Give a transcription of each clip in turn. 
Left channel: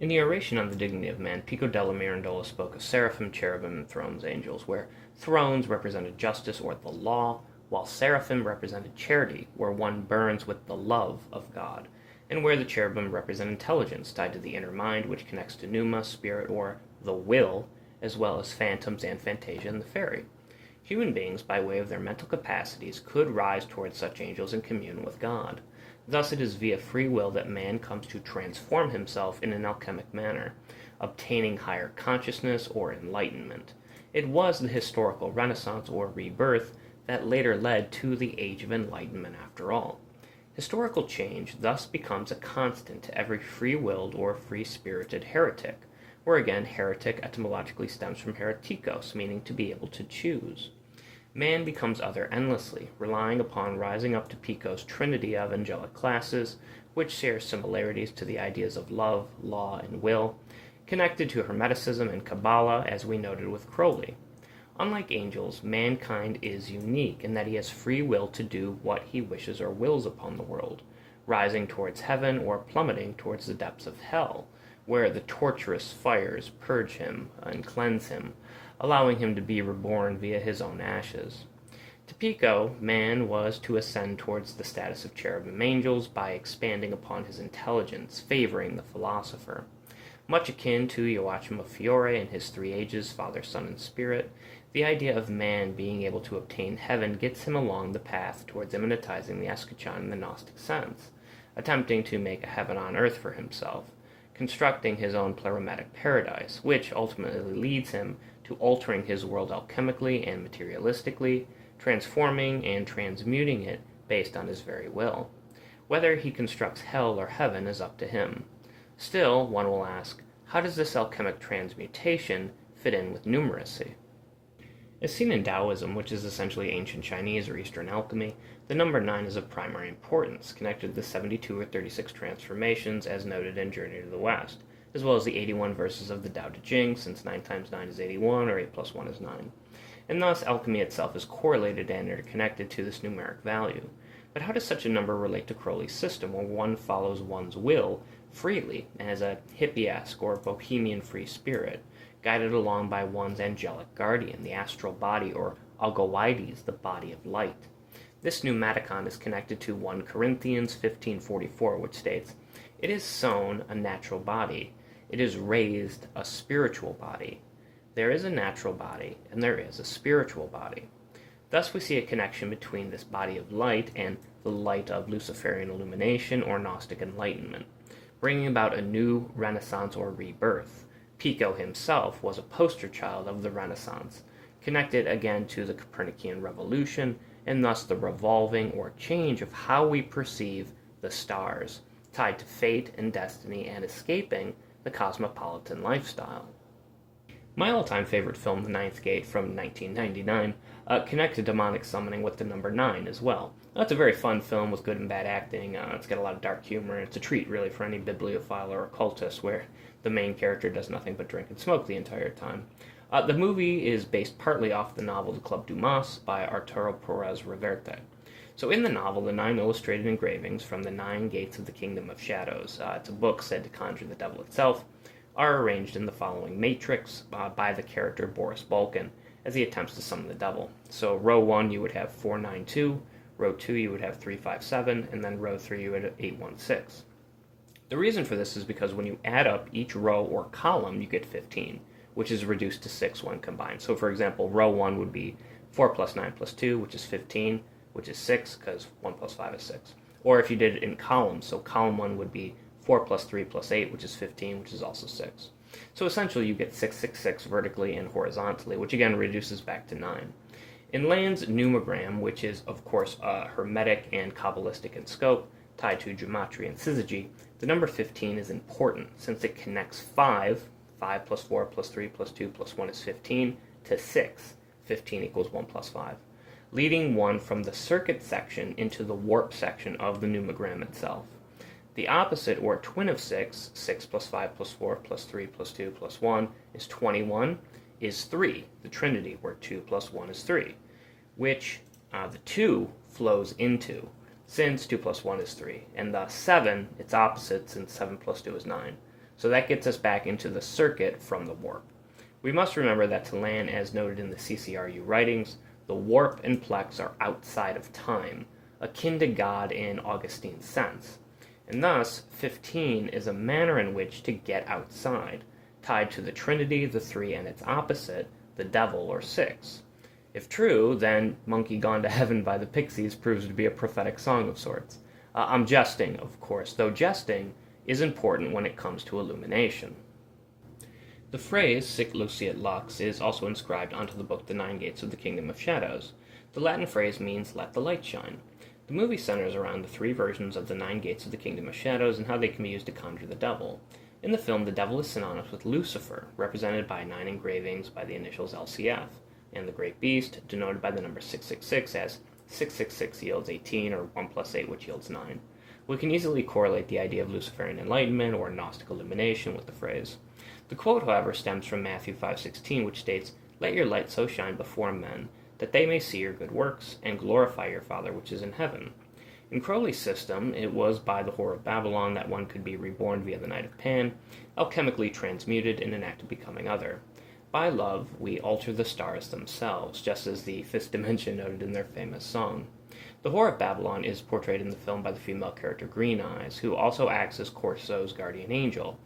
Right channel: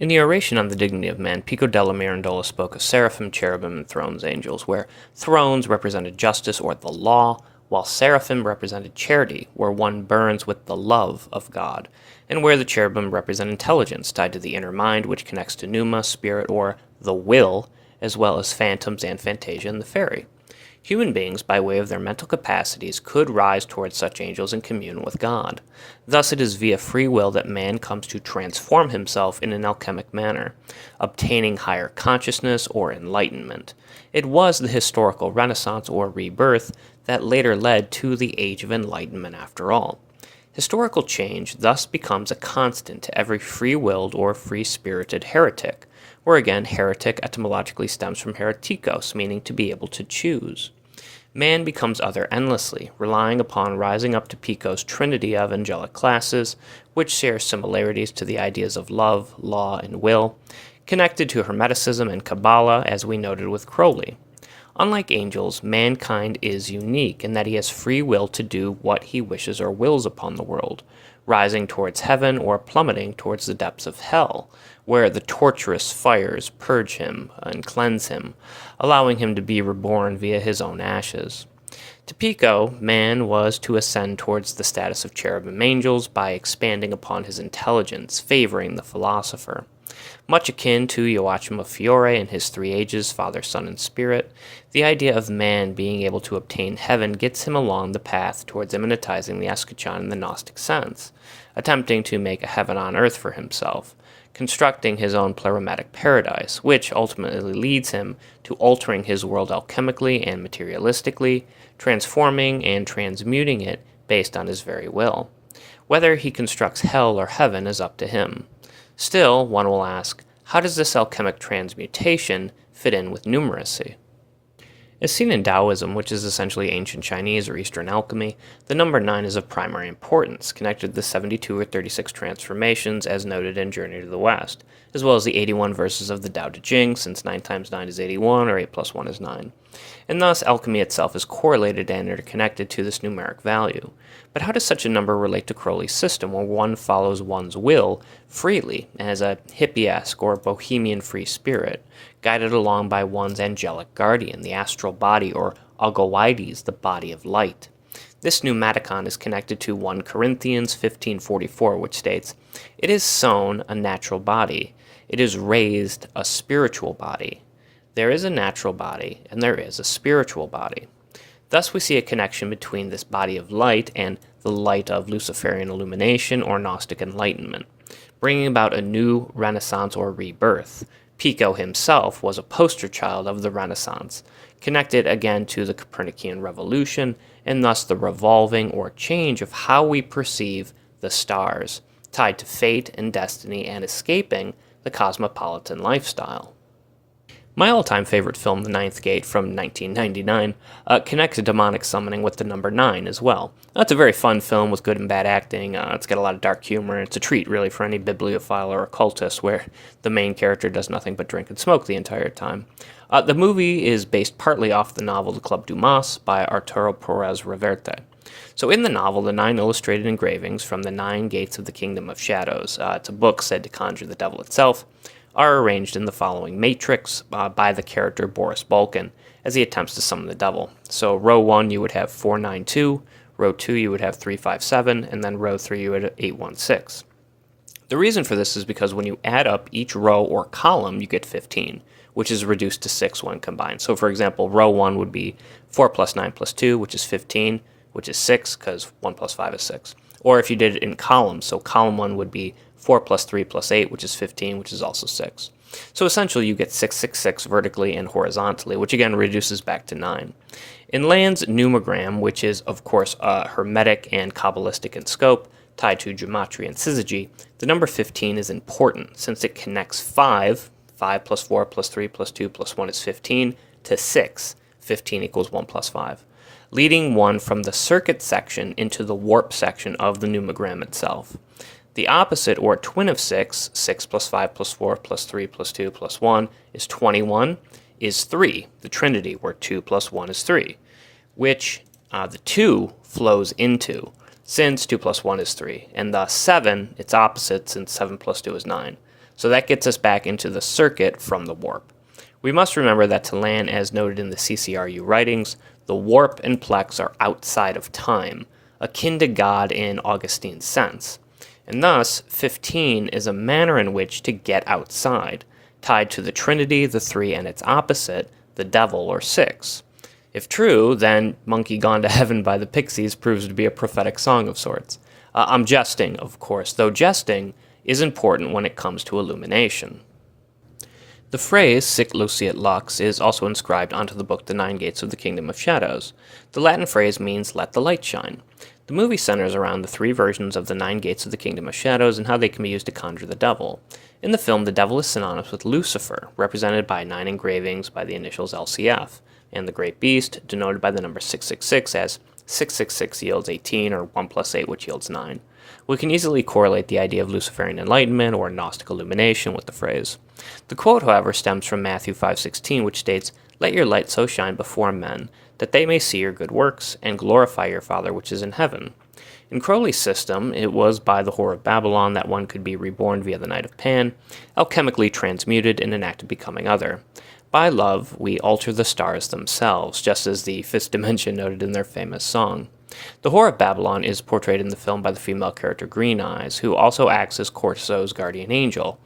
In the oration on the dignity of man, Pico della Mirandola spoke of seraphim, cherubim, and thrones angels, where thrones represented justice or the law, while seraphim represented charity, where one burns with the love of God, and where the cherubim represent intelligence, tied to the inner mind, which connects to pneuma, spirit, or the will, as well as phantoms and fantasia and the fairy. Human beings, by way of their mental capacities, could rise towards such angels and commune with God. Thus it is via free will that man comes to transform himself in an alchemic manner, obtaining higher consciousness or enlightenment. It was the historical Renaissance or rebirth that later led to the Age of Enlightenment after all. Historical change thus becomes a constant to every free-willed or free-spirited heretic, where again heretic etymologically stems from heretikos, meaning to be able to choose. Man becomes other endlessly, relying upon rising up to Pico's trinity of angelic classes, which share similarities to the ideas of love, law, and will, connected to Hermeticism and Kabbalah, as we noted with Crowley. Unlike angels, mankind is unique in that he has free will to do what he wishes or wills upon the world, rising towards heaven or plummeting towards the depths of hell, where the torturous fires purge him and cleanse him, allowing him to be reborn via his own ashes. To Pico, man was to ascend towards the status of cherubim angels by expanding upon his intelligence, favoring the philosopher. Much akin to Joachim of Fiore and his three ages, Father, Son, and Spirit, the idea of man being able to obtain heaven gets him along the path towards immanentizing the eschaton in the Gnostic sense, attempting to make a heaven on earth for himself, constructing his own pleromatic paradise, which ultimately leads him to altering his world alchemically and materialistically, transforming and transmuting it based on his very will. Whether he constructs hell or heaven is up to him. Still, one will ask, how does this alchemic transmutation fit in with numeracy? As seen in Taoism, which is essentially ancient Chinese or Eastern alchemy, the number 9 is of primary importance, connected to the 72 or 36 transformations as noted in Journey to the West, as well as the 81 verses of the Tao Te Ching, since 9 times 9 is 81, or 8 plus 1 is 9. And thus, alchemy itself is correlated and interconnected to this numeric value. But how does such a number relate to Crowley's system, where one follows one's will freely, as a hippie-esque or bohemian free spirit, guided along by one's angelic guardian, the astral body, or Algoides, the body of light? This pneumatikon is connected to 1 Corinthians 15:44, which states, "It is sown a natural body, it is raised a spiritual body. There is a natural body, and there is a spiritual body." Thus we see a connection between this body of light and the light of Luciferian illumination or Gnostic enlightenment, bringing about a new Renaissance or rebirth. Pico himself was a poster child of the Renaissance, connected again to the Copernican revolution, and thus the revolving or change of how we perceive the stars, tied to fate and destiny and escaping the cosmopolitan lifestyle. My all-time favorite film, The Ninth Gate, from 1999, connects demonic summoning with the number 9 as well. It's a very fun film with good and bad acting. It's got a lot of dark humor. It's a treat, really, for any bibliophile or occultist, where the main character does nothing but drink and smoke the entire time. The movie is based partly off the novel The Club Dumas by Arturo Perez Reverte. So in the novel, the 9 illustrated engravings from the 9 gates of the Kingdom of Shadows, it's a book said to conjure the devil itself, are arranged in the following matrix by the character Boris Balkan as he attempts to summon the devil. So row 1 you would have 492, row 2 you would have 357, and then row 3 you would have 816. The reason for this is because when you add up each row or column, you get 15, which is reduced to 6 when combined. So for example, row 1 would be 4 plus 9 plus 2, which is 15, which is 6, because 1 plus 5 is 6. Or if you did it in columns, so column 1 would be 4 plus 3 plus 8, which is 15, which is also 6. So essentially you get 666 vertically and horizontally, which again reduces back to 9. In Land's numogram, which is of course hermetic and Kabbalistic in scope, tied to gematria and syzygy, the number 15 is important since it connects 5 plus 4 plus 3 plus 2 plus 1 is 15, to 6, 15 equals 1 plus 5, leading one from the circuit section into the warp section of the numogram itself. The opposite, or twin of 6, 6 plus 5 plus 4 plus 3 plus 2 plus 1 is 21, is 3, the trinity, where 2 plus 1 is 3, which the 2 flows into, since 2 plus 1 is 3, and thus 7, its opposite, since 7 plus 2 is 9. So that gets us back into the circuit from the warp. We must remember that to land, as noted in the CCRU writings, the warp and plex are outside of time, akin to God in Augustine's sense. And thus, 15 is a manner in which to get outside, tied to the Trinity, the Three, and its opposite, the devil, or 6. If true, then Monkey Gone to Heaven by the Pixies proves to be a prophetic song of sorts. I'm jesting, of course, though jesting is important when it comes to illumination. The phrase sic luciat lux is also inscribed onto the book The Nine Gates of the Kingdom of Shadows. The Latin phrase means let the light shine. The movie centers around the three versions of the Nine Gates of the Kingdom of Shadows and how they can be used to conjure the devil. In the film, the devil is synonymous with Lucifer, represented by 9 engravings by the initials LCF, and the Great Beast, denoted by the number 666 as 666 yields 18, or 1 plus 8, which yields 9. We can easily correlate the idea of Luciferian enlightenment or Gnostic illumination with the phrase. The quote, however, stems from Matthew 5:16, which states, "Let your light so shine before men, that they may see your good works, and glorify your Father which is in heaven." In Crowley's system, it was by the Whore of Babylon that one could be reborn via the Night of Pan, alchemically transmuted in an act of becoming other. By love, we alter the stars themselves, just as the fifth dimension noted in their famous song. The Whore of Babylon is portrayed in the film by the female character Green Eyes, who also acts as Corso's guardian angel.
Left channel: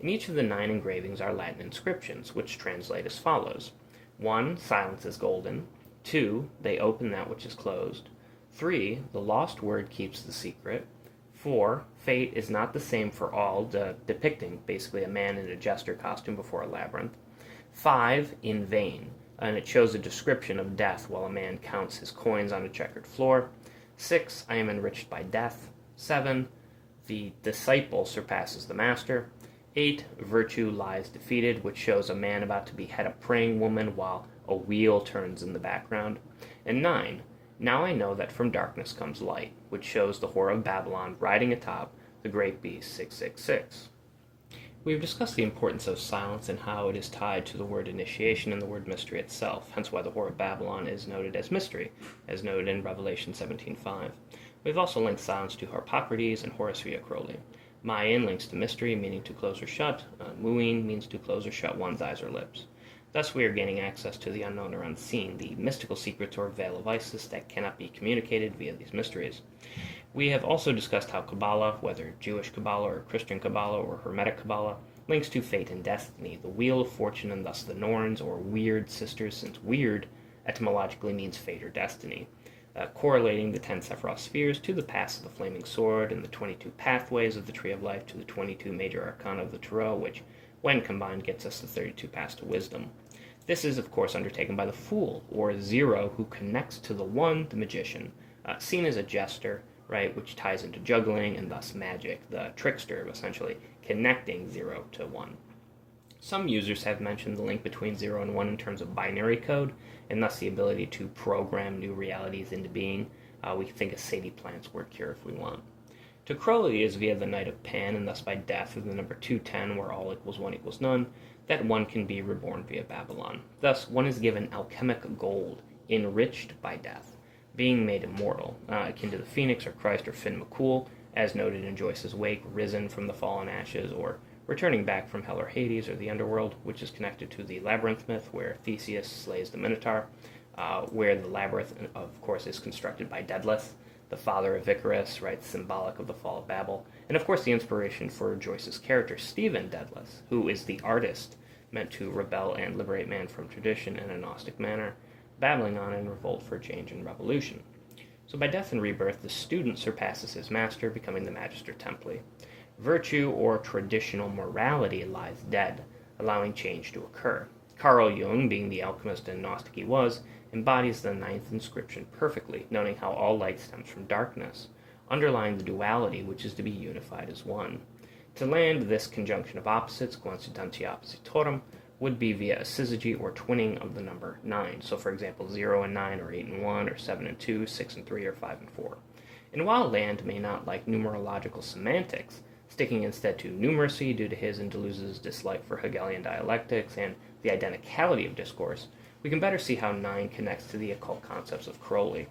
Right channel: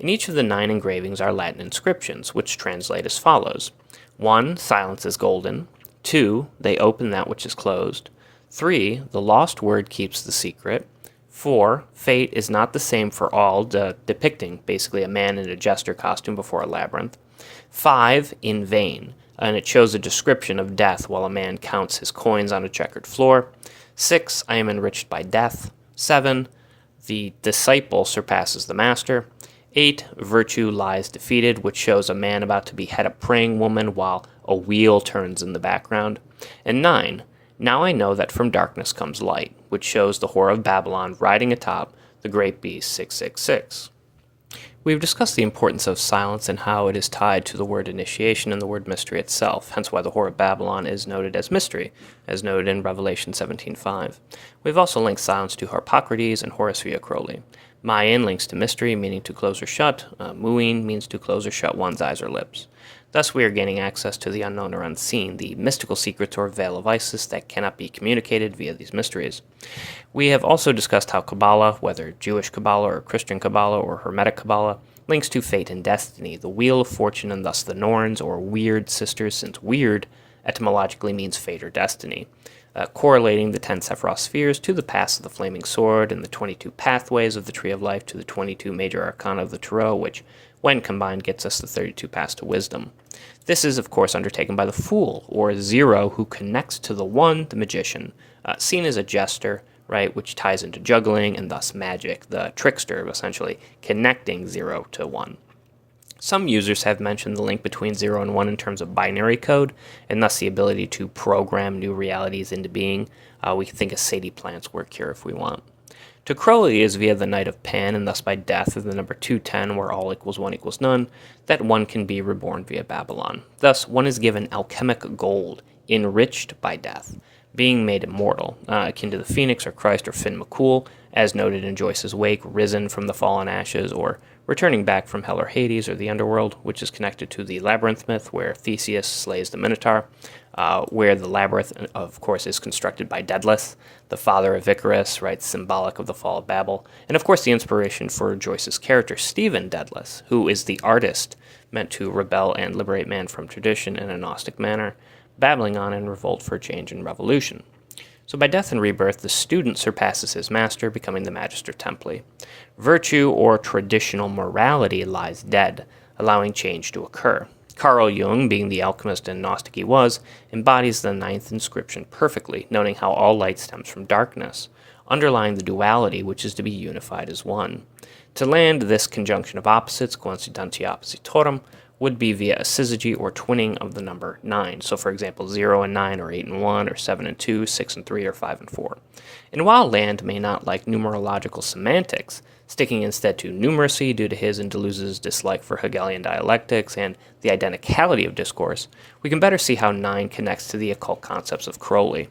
In each of the 9 engravings are Latin inscriptions, which translate as follows. 1. Silence is golden. 2. They open that which is closed. 3. The lost word keeps the secret. 4. Fate is not the same for all, depicting basically a man in a jester costume before a labyrinth. 5. In vain, and it shows a description of death while a man counts his coins on a checkered floor. 6. I am enriched by death. 7. The disciple surpasses the master. 8. Virtue lies defeated, which shows a man about to behead a praying woman while a wheel turns in the background. And 9. Now I know that from darkness comes light, which shows the Whore of Babylon riding atop the great beast 666. We've discussed the importance of silence and how it is tied to the word initiation and the word mystery itself, hence why the Whore of Babylon is noted as mystery, as noted in Revelation 17:5. We've also linked silence to Harpocrates and Horace via Crowley. Mayan links to mystery, meaning to close or shut. Muin means to close or shut one's eyes or lips. Thus we are gaining access to the unknown or unseen, the mystical secrets or veil of Isis that cannot be communicated via these mysteries. We have also discussed how Kabbalah, whether Jewish Kabbalah or Christian Kabbalah or Hermetic Kabbalah, links to fate and destiny, the wheel of fortune, and thus the Norns, or weird sisters, since weird etymologically means fate or destiny, correlating the 10 Sephiroth spheres to the paths of the Flaming Sword and the 22 pathways of the Tree of Life to the 22 major arcana of the Tarot, which, when combined, gets us the 32 paths to wisdom. This is, of course, undertaken by the Fool, or Zero, who connects to the One, the Magician, seen as a jester, right, which ties into juggling and thus magic, the trickster, essentially connecting 0 to 1. Some users have mentioned the link between 0 and 1 in terms of binary code, and thus the ability to program new realities into being. We can think of Sadie Plant's work here if we want. To Crowley is via the Night of Pan, and thus by death of the number 210, where all equals 1 equals none, that one can be reborn via Babylon. Thus, one is given alchemic gold, enriched by death, being made immortal, akin to the Phoenix or Christ or Finn McCool, as noted in Joyce's Wake, risen from the fallen ashes, or returning back from Hell or Hades or the underworld, which is connected to the Labyrinth myth, where Theseus slays the Minotaur, where the Labyrinth, of course, is constructed by Daedalus, the father of Icarus, right, symbolic of the fall of Babel, and of course the inspiration for Joyce's character, Stephen Daedalus, who is the artist meant to rebel and liberate man from tradition in a Gnostic manner, babbling on in revolt for change and revolution. So by death and rebirth, the student surpasses his master, becoming the Magister Templi. Virtue or traditional morality lies dead, allowing change to occur. Carl Jung, being the alchemist and Gnostic he was, embodies the 9th inscription perfectly, noting how all light stems from darkness, underlying the duality which is to be unified as one. To land this conjunction of opposites, coincidentia oppositorum, would be via a syzygy or twinning of the number 9. So for example, 0 and 9, or 8 and 1, or 7 and 2, 6 and 3, or 5 and 4. And while Land may not like numerological semantics, sticking instead to numeracy due to his and Deleuze's dislike for Hegelian dialectics and the identicality of discourse, we can better see how 9 connects to the occult concepts of Crowley.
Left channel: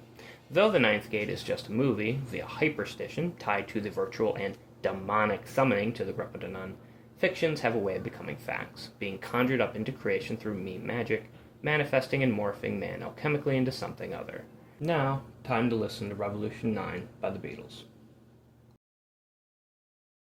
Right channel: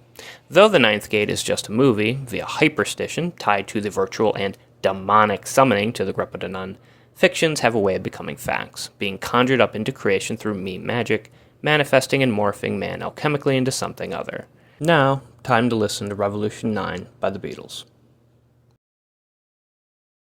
Though the 9th gate is just a movie, via hyperstition tied to the virtual and demonic summoning to the Grappa de Nun, fictions have a way of becoming facts, being conjured up into creation through meme magic, manifesting and morphing man alchemically into something other. Now, time to listen to Revolution 9 by the Beatles.